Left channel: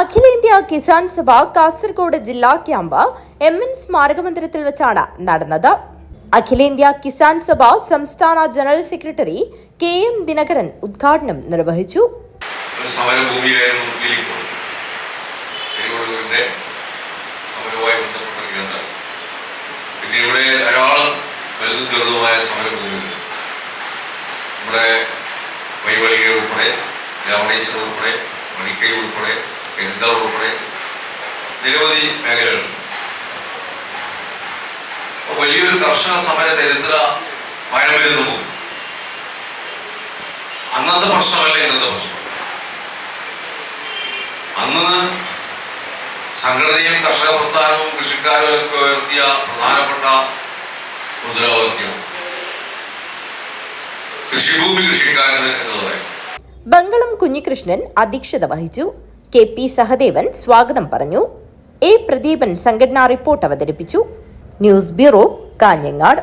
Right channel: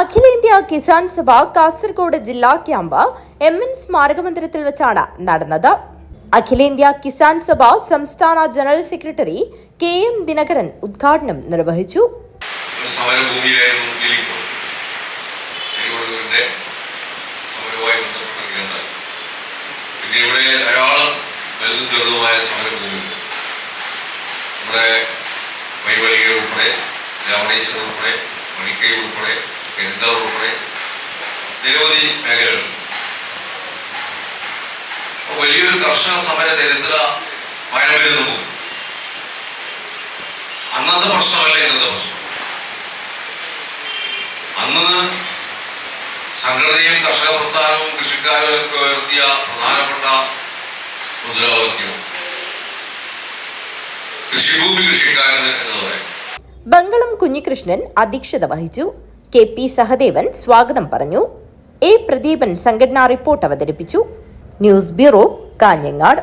അഖിലേന്ത്യാ കിസാൻ സഭ കാസർഗോഡ് ജില്ലാ camp MN സ്മാരക മന്ദിരത്തിൽ വെച്ചാണ് നടന്നത്. അഖിലേന്ത്യാ കിസാൻ സഭ സംസ്ഥാന ജനറൽ സെക്രട്ടറി KM ദിനകരൻ ഉദ്ഘാടനം നിർവഹിച്ചു. വലിയൊരു കർഷക സമര ചരിത്ര പഴമരുന്നു പോകും. അന്നത്തെ പ്രശ്നമല്ല ഇന്നത്തെ പ്രശ്നം. അന്ന് സംഘടനയും കർഷക പ്രസ്ഥാനവും കൃഷിക്കാരും ഒക്കെ ഉയർത്തിയ പ്രധാനപ്പെട്ട മുദ്രാവാക്യം കൃഷിഭൂമി കൃഷിക്കാരന് എന്നതായിരുന്നു. ബംഗളം കുഞ്ഞികൃഷ്ണൻ അധ്യക്ഷത വഹിച്ചു. KP സഹദേവൻ സ്വാഗതം പറഞ്ഞു. A പ്രദീപൻ സംഘടനാ റിപ്പോർട്ട് അവതരിപ്പിച്ചു. News bureau, Kanhangad.